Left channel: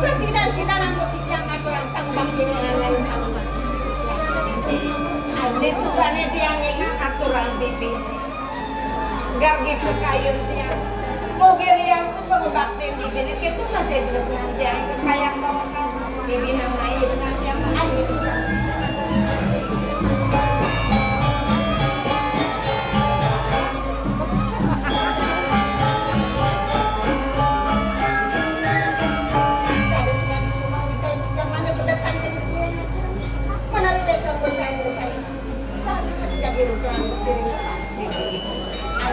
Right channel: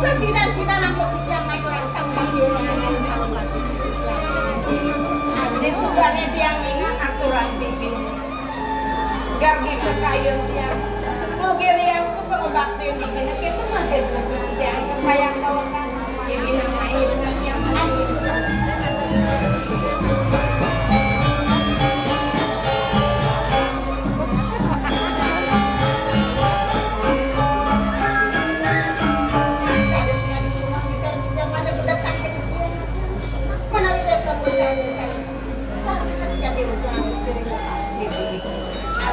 Sesidan-sidan aku siang aku rantang bangun lain kalau nggak ada tujuannya dia ingat aturan bibi. Gak gitu kayu dia. Oh geriang tuh pengobakti bibinya itu masih terus dia kayak kalau kan bibi namanya benarnya mana gitu.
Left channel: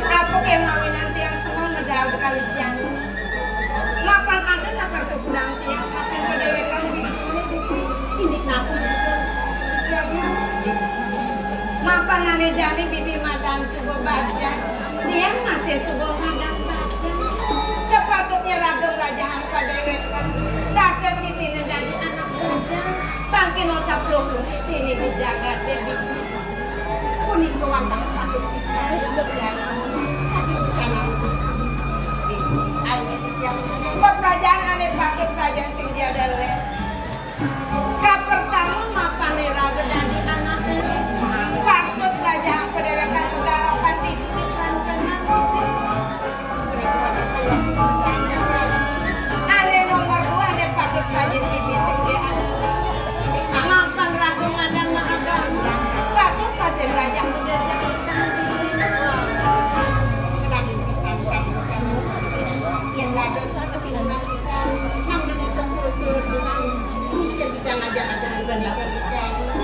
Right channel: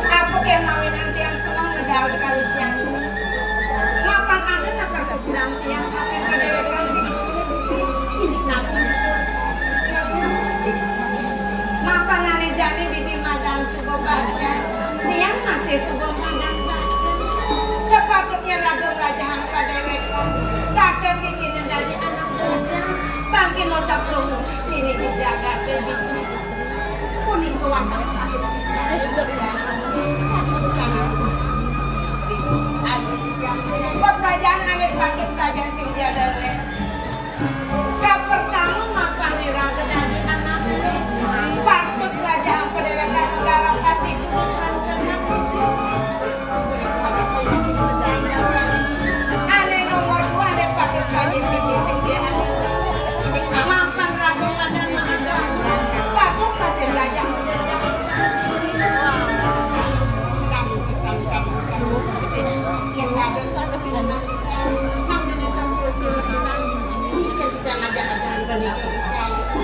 Aku yang mawin nanti yang semua udah kali siang ini. Makan ada nak kepulang siang akan kedewakan ini naku. Makan ane jani bibi makan sugo baca. Dia masih sugo makan baca. Sepatutnya radong gajahan kedewakan. Takkan bikin dari anak muda. Bangkin otak belum ini dijaga jadi kuning kewantang satu bisa kerajaan ane pakai kerajaan sing tiada le. Pertama makan raga dan anak. Waktu kerajaan kedewakan negara pati ane nomor 2 ane pakai kerajaan sing dia makan raga dan anak. Waktu pasir raja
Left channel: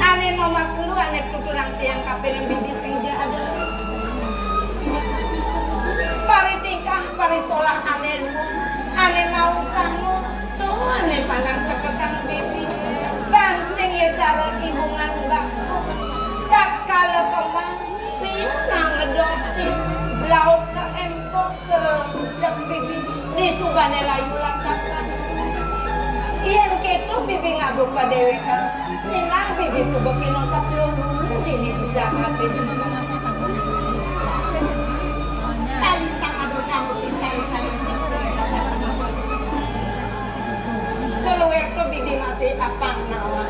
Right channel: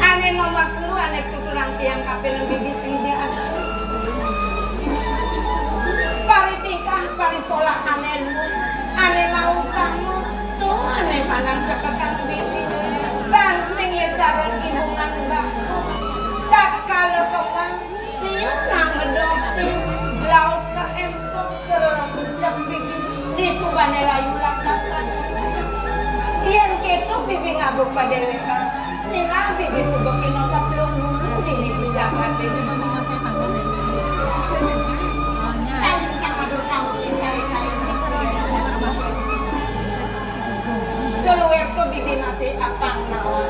ane nomor 10 ane tuturang tiang kapel yang bibi sing dia ada pari tingkah pari solah ane mau kamu tuh ane panang ceketan bibi bang sing ya cara hubungan enggak tak kala kembang dia nang ngedokti laut ke empok ke bibi di sugane layu lakas yang gitu bibi ngabuk pada dewekan sehingga bibi subok inotak belum ini dijaga bibi seluar tuh bibi masih apang nawan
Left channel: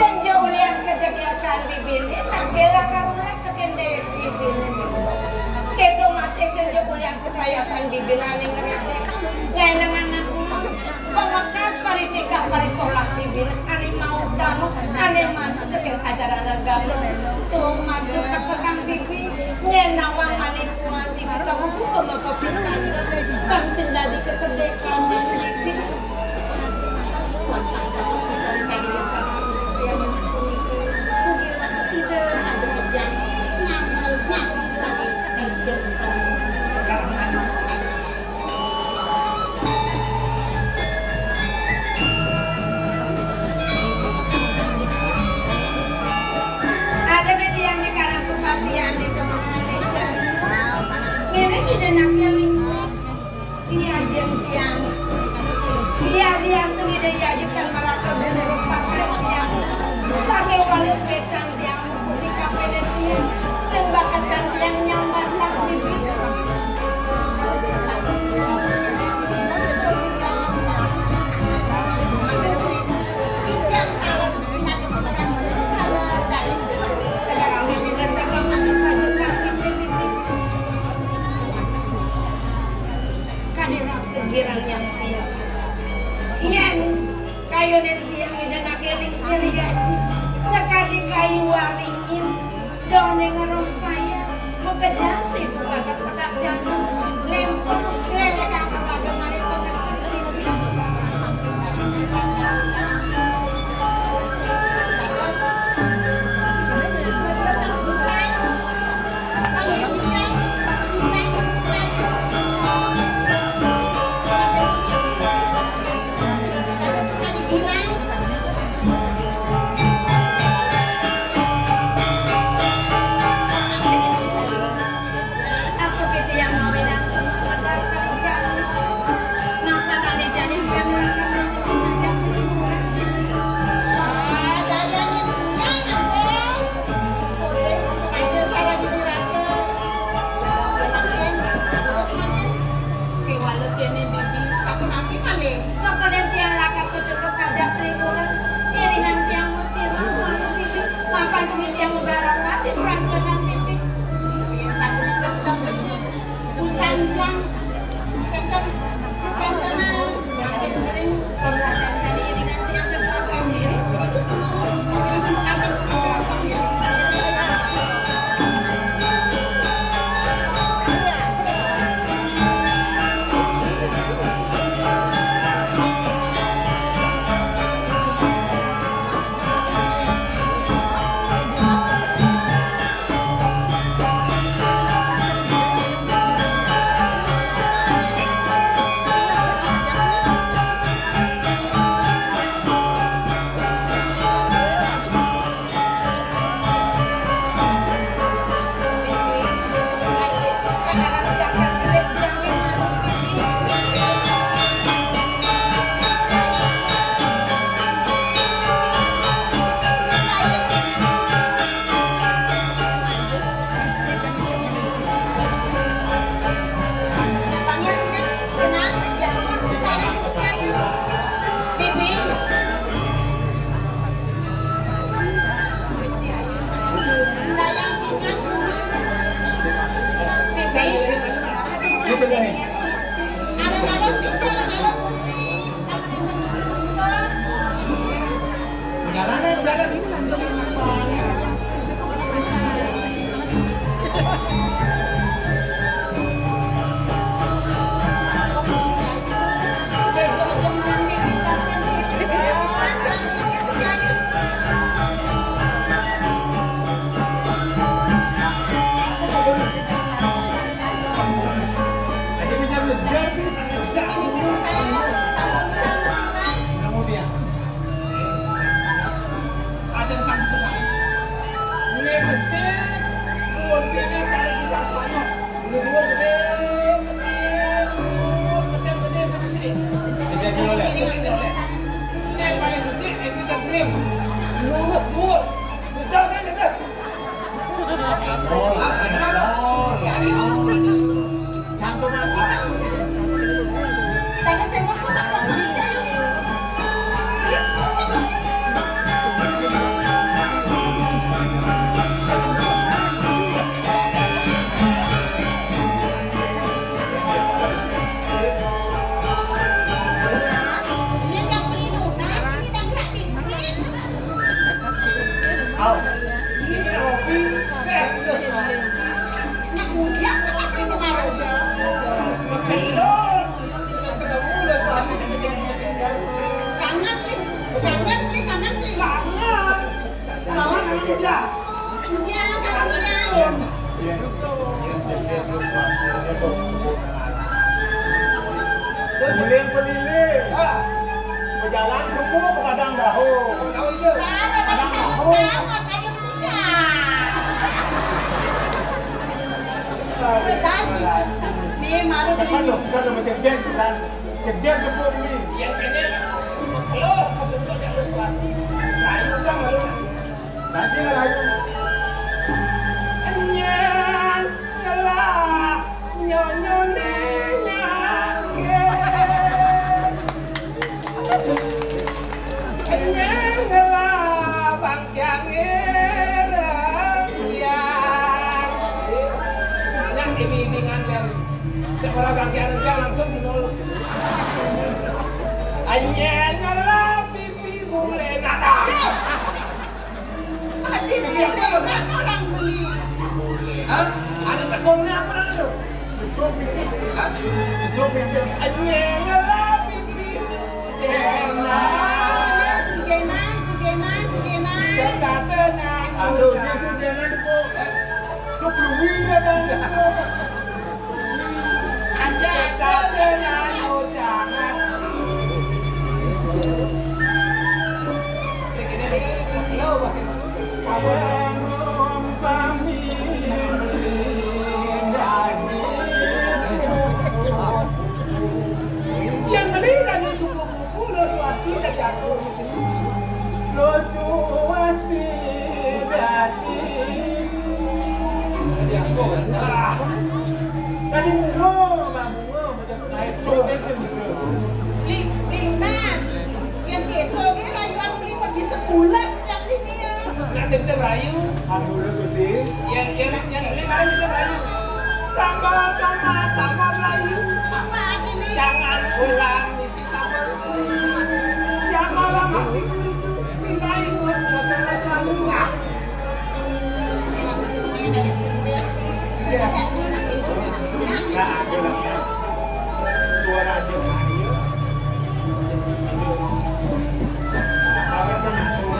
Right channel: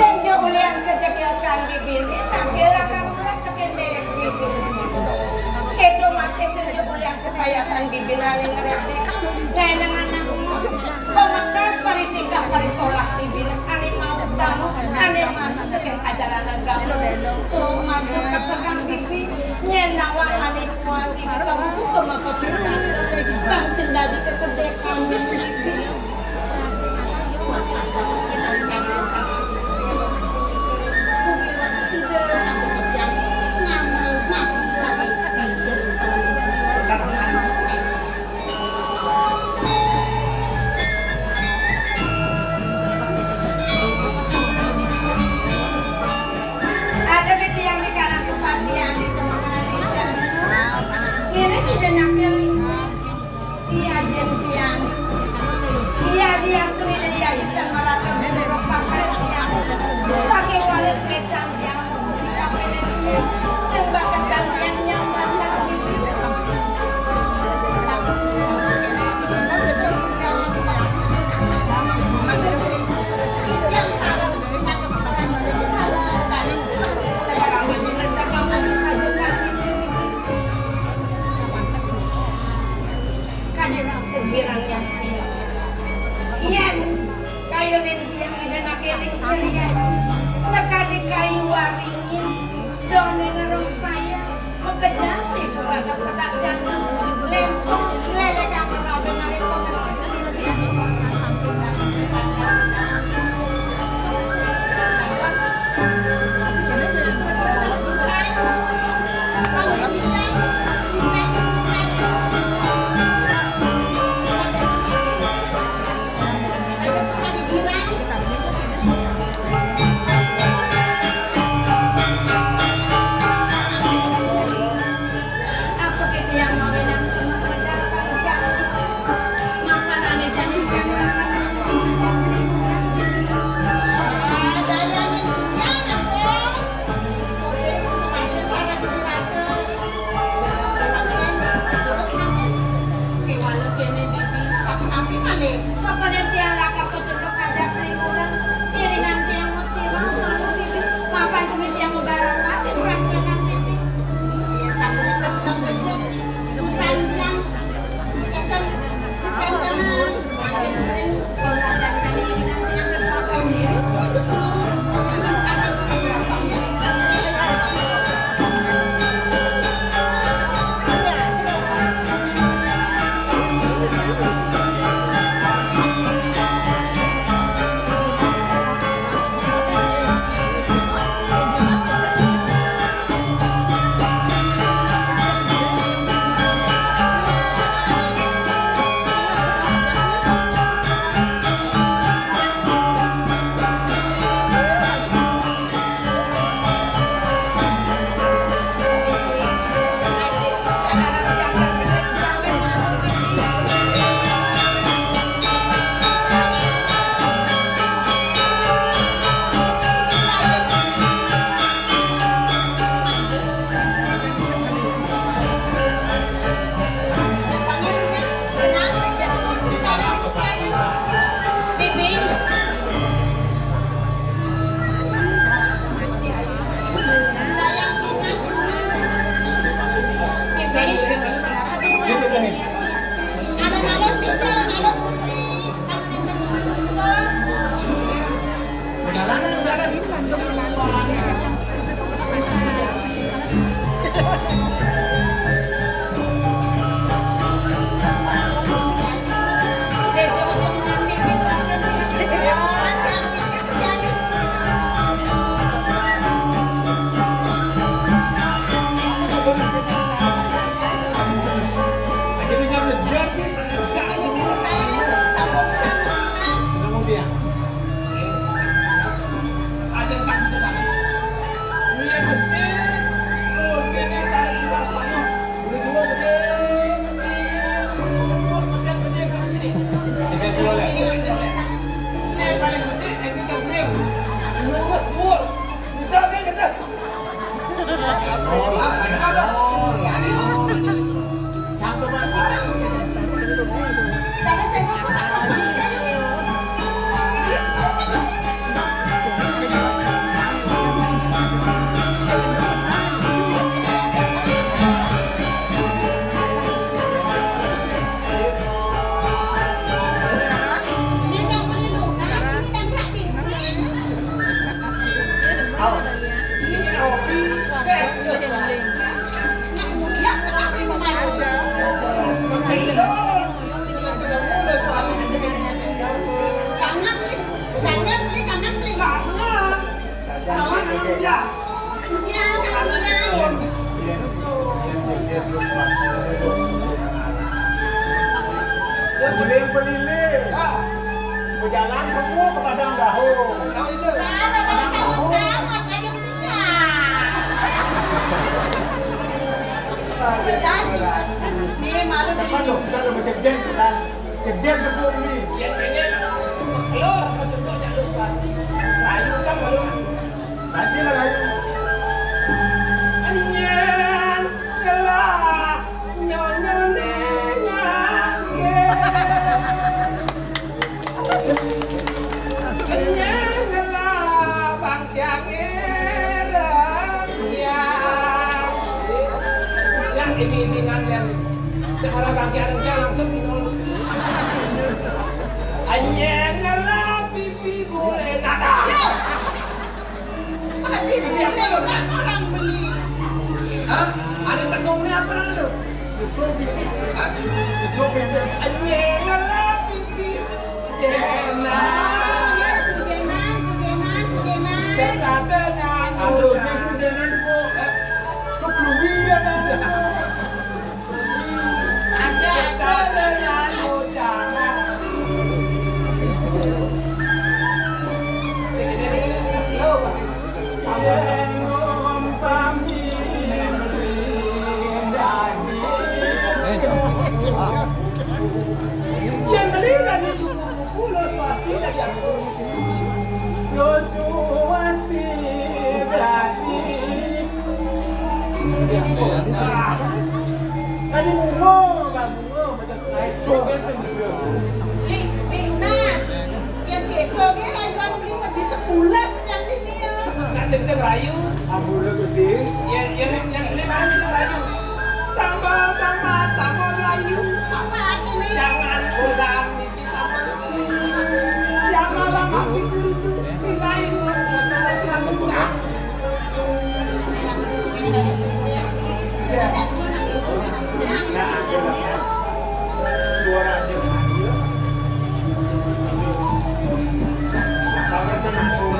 senja ulian kejadian bibi ini tak kira karulah kekendek bibi kedo masih senja ulian kepayasan bibi nani ngerete gaya namanya pemekas paritika parisolak bibi ane mau kamu ane mana yang ajaran agama tuh mabuk ketekan bibi nyenawang ane puan di kita buku kemaka pisah bang sendadi kekedekan bibi Peliling. Berjalan kumpul ke padang bahu. Tahu itu? Sekarang macam geng pesan. Cegeng debuk ni. Yang ini kalau contoh jalur swasti, kayu sama lu. Nanti lah kayu. Anyan kelak nyonya nenya Anyan kelak bangkyang yang bimbingan yang sekolah bangkyang langsung minum. Anyan kelak pipi boleh nada. Hah? Ada tegongnya apa lu? Besok dikit. Besok pipi. Anyan kelak pipi sujena. Serta dengan Aduh, saya sejenak debuk. Kau peluang dia dah. serta dengan ucapan. Sengom pamin melindani. Yang melihat itu buku lo swasti dan jago. Lo suwasti berarti. Tadi bungo macam naik dogen sebesar. Nggak bisa rayu. Ambil gede. Yang ini mana bisa rayu? Sambal sambal sambal rayu. Jangan ulang misi sambal. Jangan lama tidur itu rayu. Masalah selalu lah. Nggak ada lagi. Suara dia hadir. Kalau tu nak tahu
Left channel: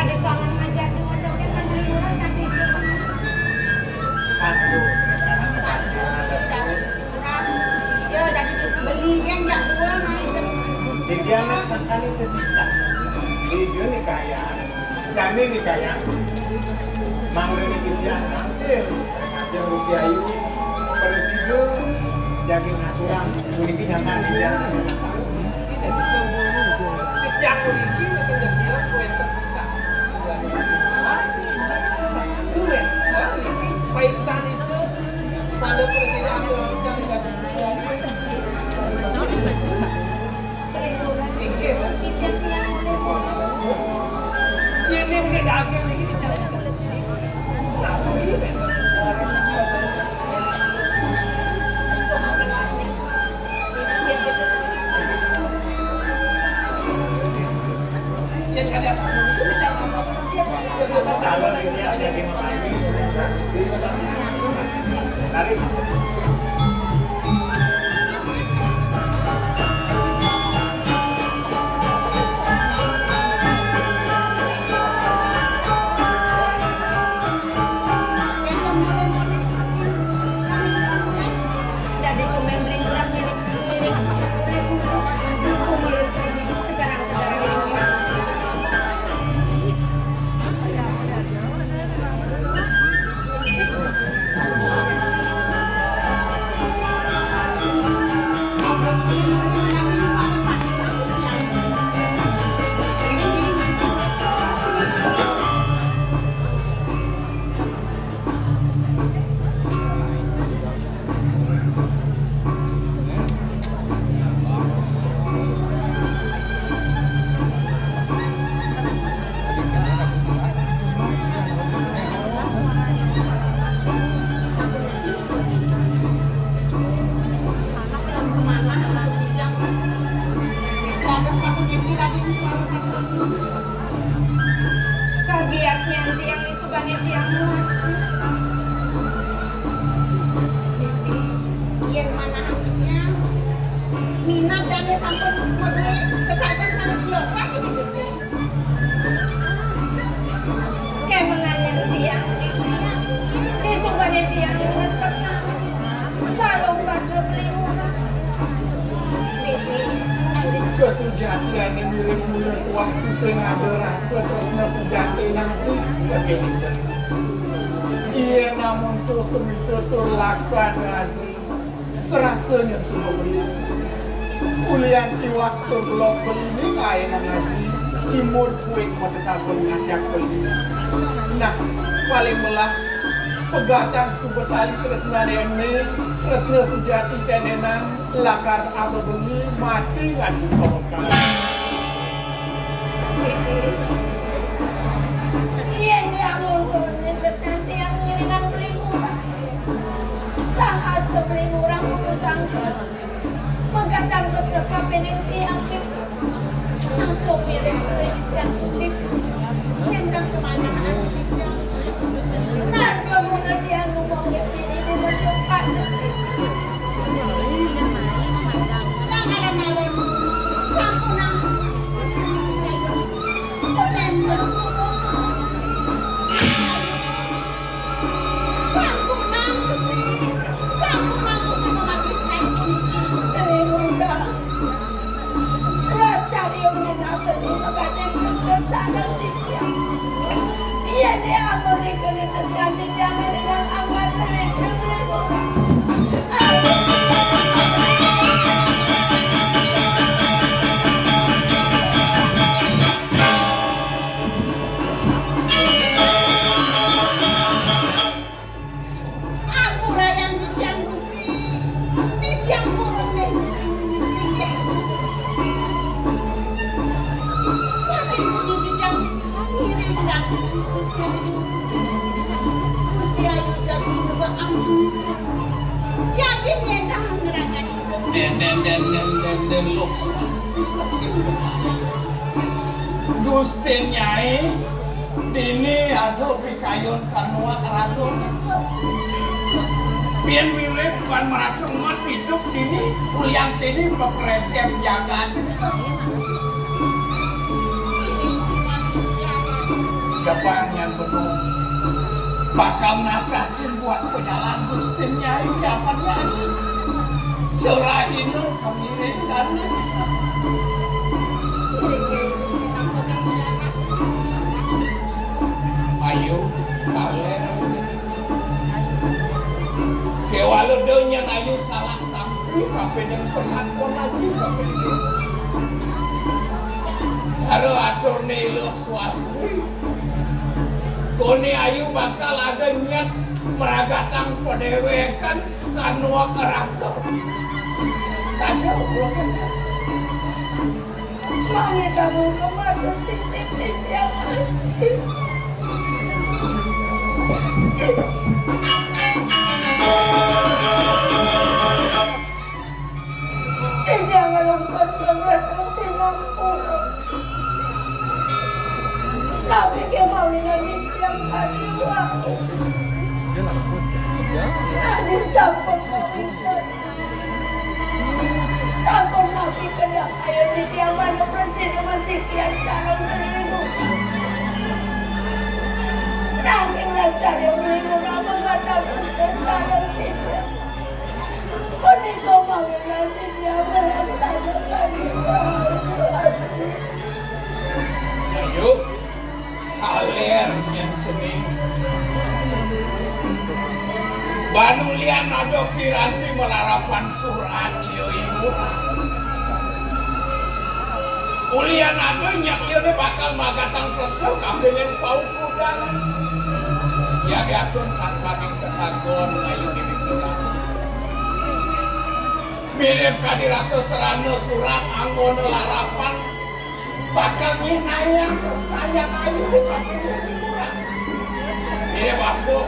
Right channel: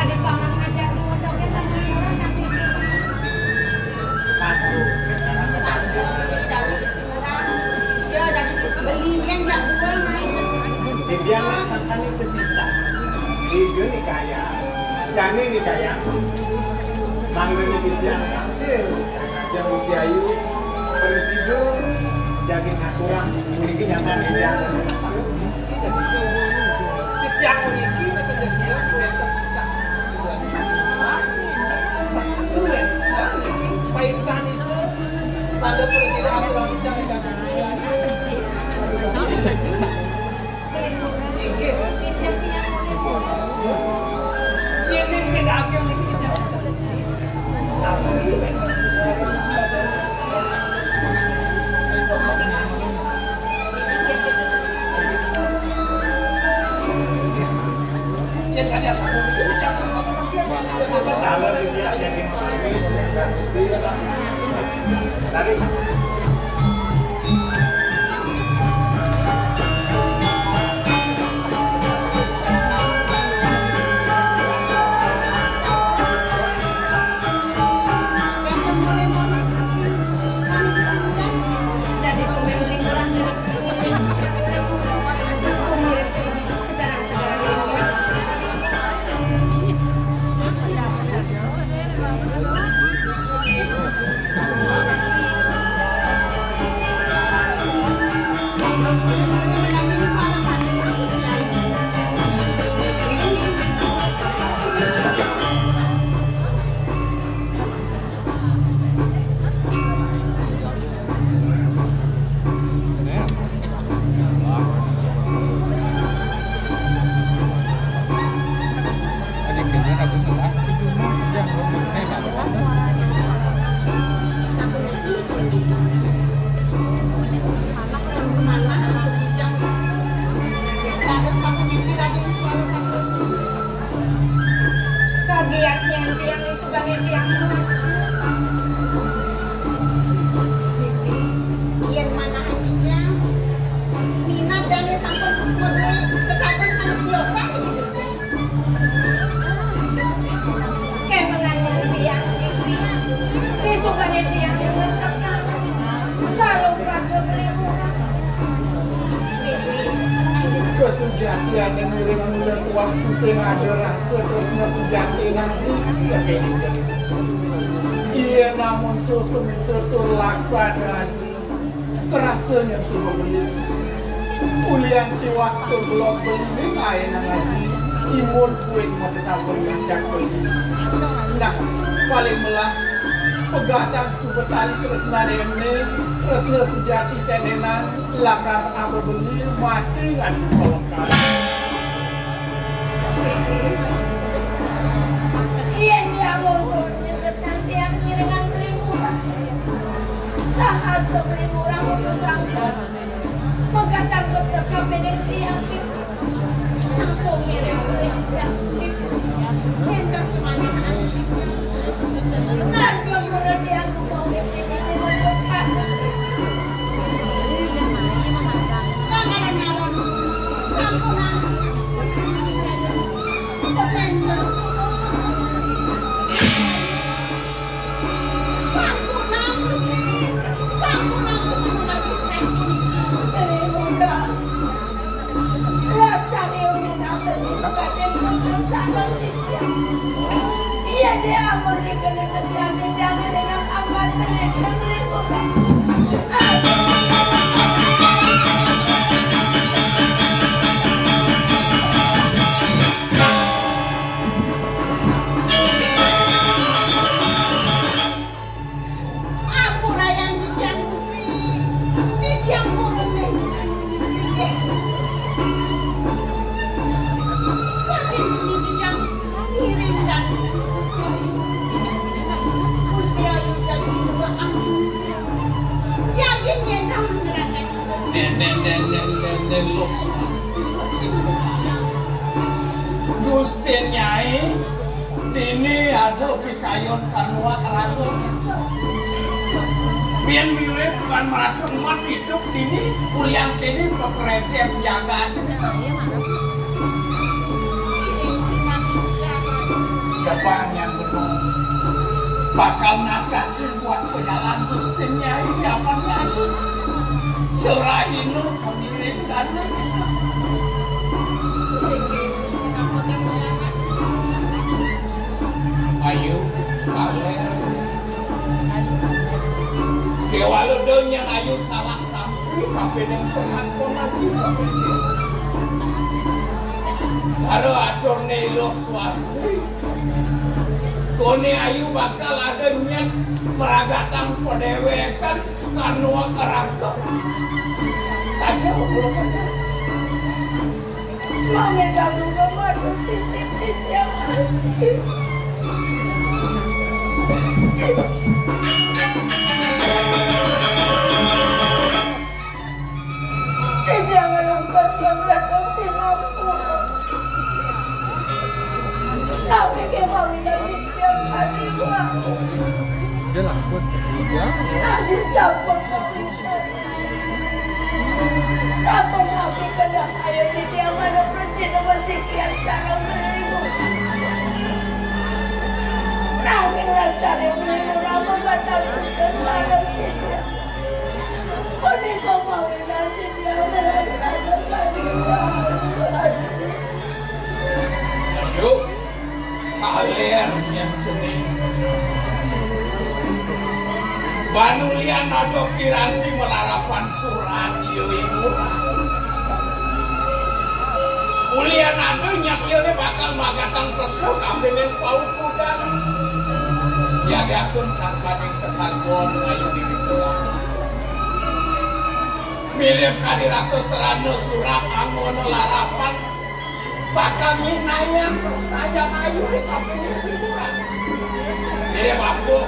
Ada kawan ajar dua dogen dan liburan nanti. Jangan sampai kita. Dia ni kaya, kami ni kaya. Mangga ni pinjam hasil. Yang mesti ayu, presiden, jadi aturan, memiliki nyaman dia. Yang memiliki betul siap mereka tidak. Satu ya, baik tadi itu pada presiden aturan yang tidak. Ini dah agak lagi kita. Kalau dia jadi harus. aku sing ada rasa tresna sejati nanti begini. Iya namun tuh semitur laksana rasanya sudah beli. Ulian tiwas tuh blok beli kain lagi. Imut kuing mereka berjak beli. Nah paling melah pegatang subetali tresna ini tresna sejati kenenan lakar apa beli mati kan kalau Iya dia mau nanti yang ngiringan belimuran. Saat sebelimuran untuk sangka. Mengatakan berserta peneliti yang pipi. Aku mirip-mirip yang pipi. Yang tak kemana nah, dua murid yang mau ini membuka Pangalan-alan Sampurang Komentar Sampurang Gusti menghabis dari muda rasa dia mengenapa di pekaten bersesaran di siang iya dia memberikan itu sampai jangan dengan amal mereka liburan dan lo Gusti Nyai dini ada pikayon kanua keraton biar mirip bukan merasa umat hidup dini uliang kini pekerjaan jagaan depan yang benar bakal nadasin buat penyalaan Gusti Nyai apa lagi Surahinu kami dan ayo kalian kewaludonya ayo salah tapi kapan yang penghakon lagi karo atur nelo swastri koni ayu bakal ada niat meragatan pedewekan kanua keraton saja Mami kamu nomor titik-titik yang masih jangan lupa reproduksi mampu tapi kemau lagi tiap hari waktu lagi sambung Sambung mati kena ayo di dia mana bersih kian cara menipu. Nanginglah cari menipu nama mata bersih sarang kita. Koni kau mau nanti dia merasa panikan. ayo kalian yang kuning Banulian ada kiranti melarapan surat yo ibu Ulian ada nyak yo bakal magatan kesel kabelin pau kudan ya diasun sakmaning ketagon ayu dibikulah mirip kadirasa serana surat anggono larapan bakal minayang kesayang ayu di kabelin hiburan mirip apa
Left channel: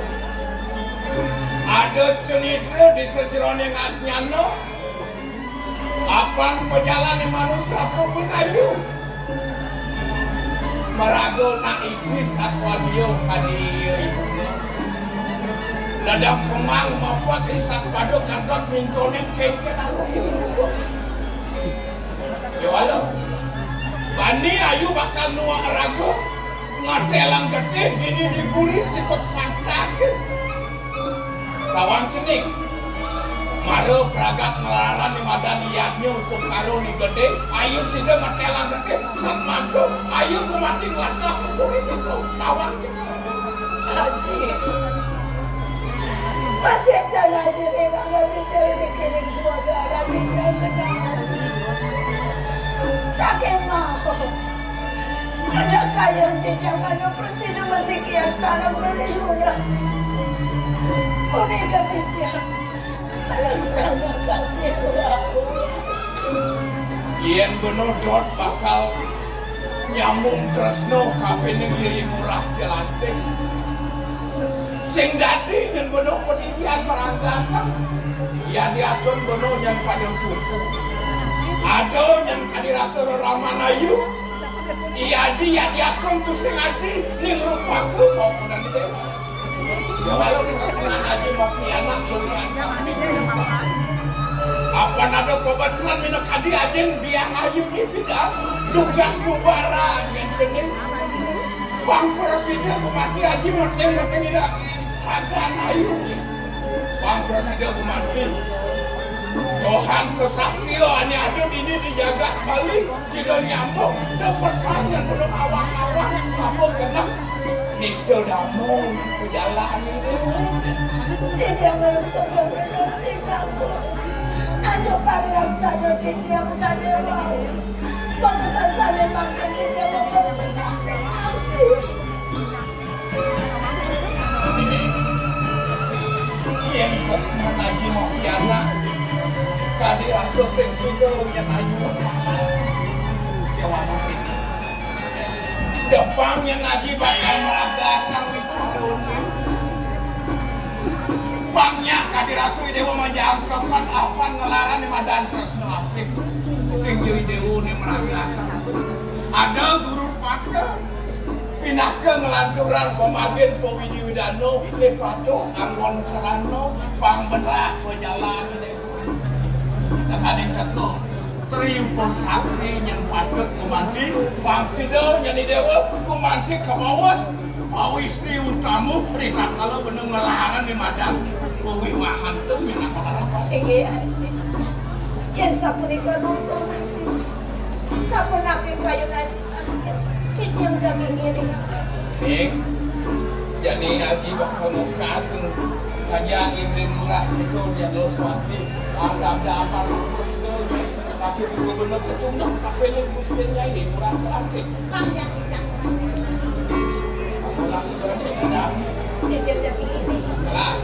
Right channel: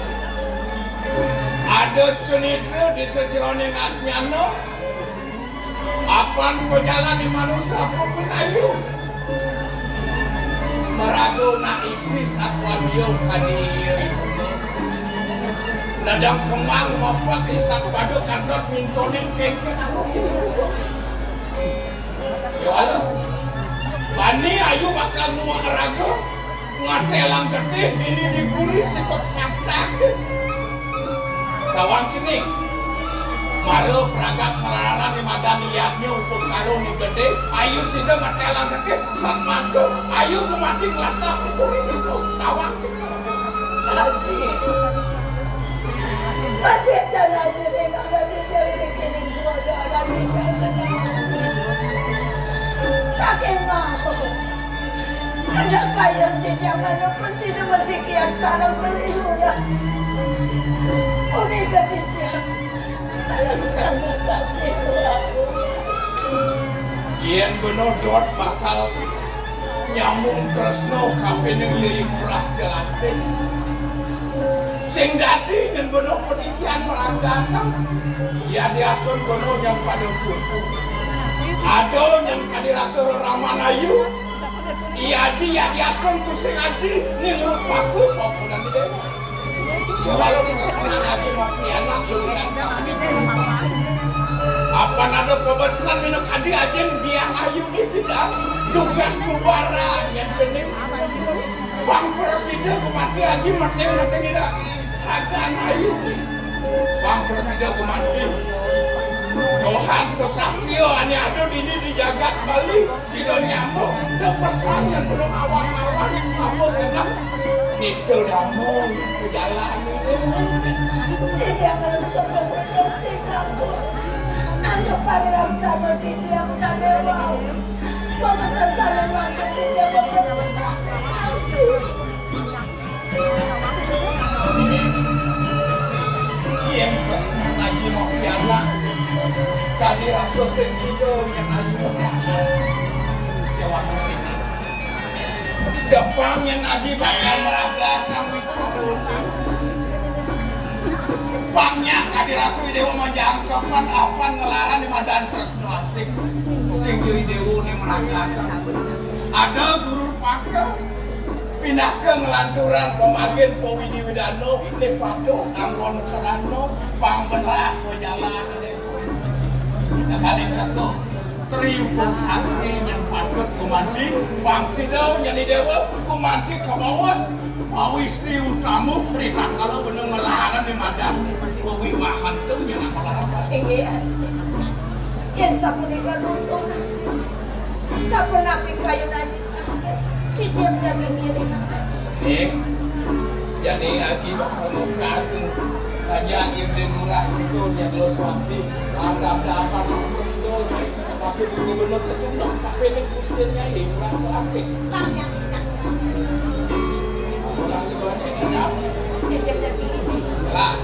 ada cenitra di setironing atnyano apang pejalani manusia apapun ayu merago na isi satwa diyo kadiyo ladang kemang mopat isak padu kantot mintonin kengken yo alo bani ayu bakal nuang rago ngatelang getih ini diguri sikot sakrak Tawang kini Maro pragat melaran di madan niatnya untuk karung ni gede. Ayo sida matelang gede. San mago. Ayo kumating lakah hukum itu. Tawang. Haji. Masih sana aja deh, nggak bisa bikin suara lagi. Sakit mau. Ada kaya sih jangan apa sih masih kian sarang dari luar. Oke katanya. Sangat sakit. Yen benodot bakal nyambung tresno kape negeri murah jelantik. Sing dadi nyen beno pendidikan meragakan. Ya diasun beno yang pada tutu. Ado nyen kadirasur ramanayu. Iya di ya diasun tu sing aji ning rupaku popo dan dewa. Ya walaupun kesenangan aja mau pianak kuliah apa nado kebesaran minum kadi ajen biang ayu di bidang tugas mubarang yang jenis Bang Presiden kumati aji mati nanti tidak agan ayu Bang Presiden kumati Tuhan kesatrio hanya ada ini dijaga balik sida nyambung ada pesan yang belum awang-awang apa senang niskel damai ke jalan ini Dia belum sudah berkasih kamu. Anda panggil saja dia bukan dewa. Bagaimana saya makan dia berkasih kamu. Yang pesan aja mau pianak tadi rasa sensito yang ayu jawab ini depan yang lagi bakal meragakan wicarona banyak kadi rasu dewa menjangkapan apa ngelaran di madan tresno asik sing jadi dewa ini meragakan ada guru pakar pindah ke ngelanturan pemagen Powidi Widano Lepato Anggon Serano Bang Belah Pejalan kita kali kata triumfo saksi yang patut kumanti Bang Sido jadi dewa kumanti kawawas mau istri utamu berikan kalau bener ngelahanan di madan Powi mahan itu minat apa Iya. Yang sapu nikah runtuh. Sapu napi kayu nasi. Itu yang jaga diri. Jadi lagi bakal kasih aja Irin murah itu jadi lo swasti ada apa itu tapi gubernur ketundang tapi ini kustinya ini murah tapi orang itu ada Yang jaga diri. lah